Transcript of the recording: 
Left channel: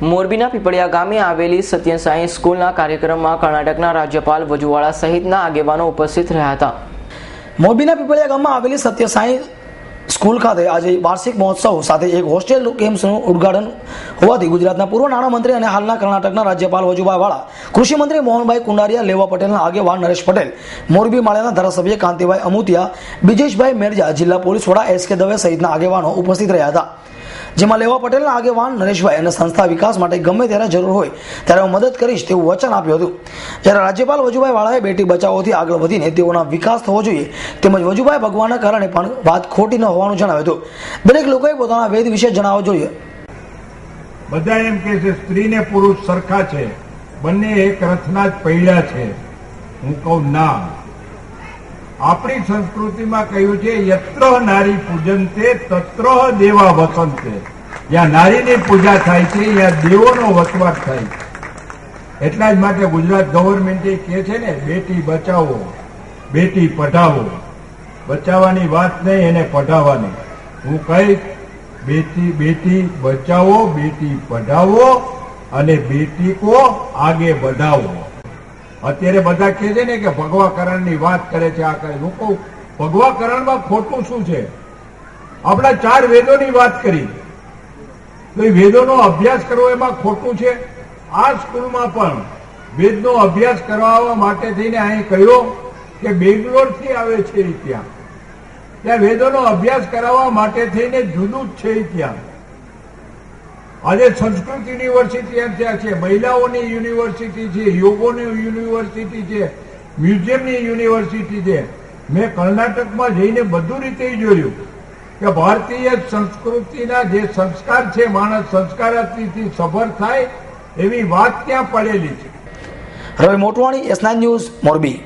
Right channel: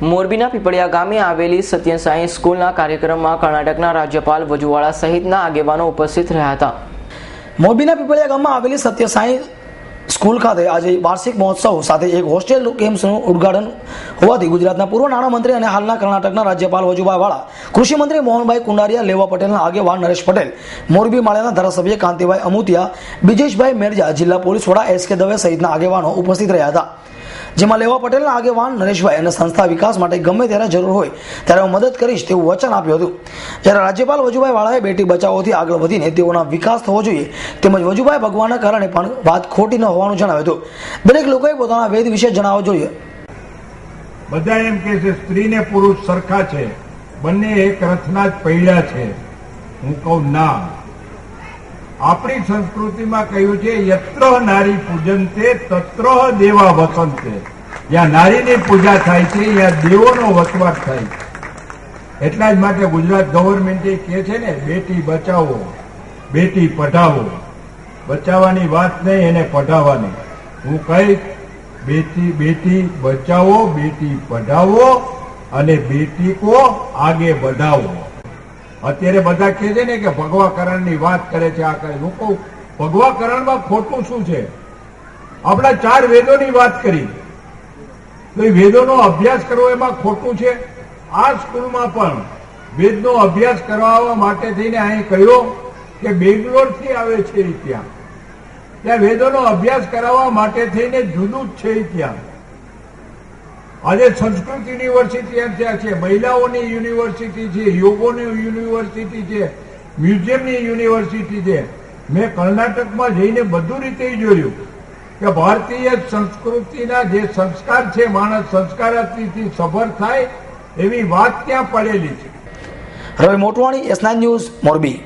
મોરબીના પીપળિયા ગામે આવેલી સત્યસાઈ સ્કૂલના કાર્યક્રમમાં કર્ણાટકના રાજ્યપાલ વજુવાળા સહિતના આગેવાનો ઉપસ્થિત રહ્યા હતા। મોરબીના પીપળિયા ગામમાં આવેલી સત્યસાઈ સ્કૂલ ખાતે આજે વાર્ષિક મહોત્સવ સાથે એક હોસ્ટેલ કેમ્પનું ઉદ્ઘાટન હોવાથી ગુજરાતના પૂર્વ નાણામંત્રી અને હાલના કર્ણાટકના રાજ્યપાલ વજુભાઈ વાળા, કૃષિ મંત્રી મોહનભાઈ કુંડારિયા, લેવા પટેલના આગેવાન નરેશ પટેલ, મોરબી માળિયાના ધારાસભ્ય કાંતિભાઈ અમુતિયા, બ્રિજેશભાઈ મેરજા, જિલ્લા પોલીસ વડા એસ.કે. દવે સહિતના આગેવાનો ઉપસ્થિત રહ્યા હતા। જેમાં લેવા પટેલના આગેવાન નરેશભાઈ અને સંસ્થા વિકાસ માટે ગમે ત્યારે જરૂર હોય ત્યારે હું મદદ કરીશ તેવું વચન આપ્યું હતું। જ્યારે રાજ્યપાલ વજુભાઈ વાળાએ બેટી બચાવોથી આગળ વધીને તેઓના વિકાસ થવો જોઈએ તેમજ વજુભાઈ ભગવાનના કારણે પણ વાત ખોટી ન હોવાનું જણાવ્યું હતું। દરેક લોકોએ પોતાના વેદ વિશે જણાવવું જોઈએ। બધા એમ કહે છે સ્ત્રી ને પુરુષ સરખા છે, બંને એક રથના જ પૈડા છે। હું કહું ના, આપણી સંસ્કૃતિમાં કહ્યું છે યત્ર નારી પૂજનતે તત્ર દેવા વસંતે। જ્યાં નારીની પૂજા થાય છે ત્યાં દેવોનો વસવાટ થાય છે। એટલા જ માટે ગુજરાત ગવર્મેન્ટે કહે છે ને, બેટી બચાવો બેટી પઢાવો। બચાવવાની વાત નહીં, એને પઢાવવાની। હું કહીશ બેટી બેટી બચાવો, બેટી પઢાવો અને બેટી કો આગે बढ़ाओ। અત્યારે બધા કહે છે ને કે ભગવાકરણની વાત કરે છે, આ કરે। હું કહું ભગવાકરણમાં ખોટું શું છે? આપણા 4 વેદોની વાત કરી તો એ વેદોનો અભ્યાસ કરવો એમાં ખોટું છે? આ સ્કૂલમાં પણ વેદનો અભ્યાસ કરાવવા માટે થઈને અહીં કહ્યું કે બેંગ્લોરથી આવે છે ત્યાં વેદોનો અભ્યાસ કરાવવા માટે થઈને જુદું જ છે ત્યાં। આજે સંસ્કૃત યુનિવર્સિટી ત્યાં છે, મહિલાઓની યુનિવર્સિટી છે, યોગોની યુનિવર્સિટી છે, મ્યુઝિયમની યુનિવર્સિટી છે। મેં કર્ણાટકમાં જઈને બધું રીતે જોયું કે ભારતીય સંસ્કૃતિના જે સંસ્કાર છે, માણસ સંસ્કારથી સભર થાય એવી વાત ત્યાં પડેલી છે। રવિ મોટવાણી, S9 ન્યૂઝ, મોરબી।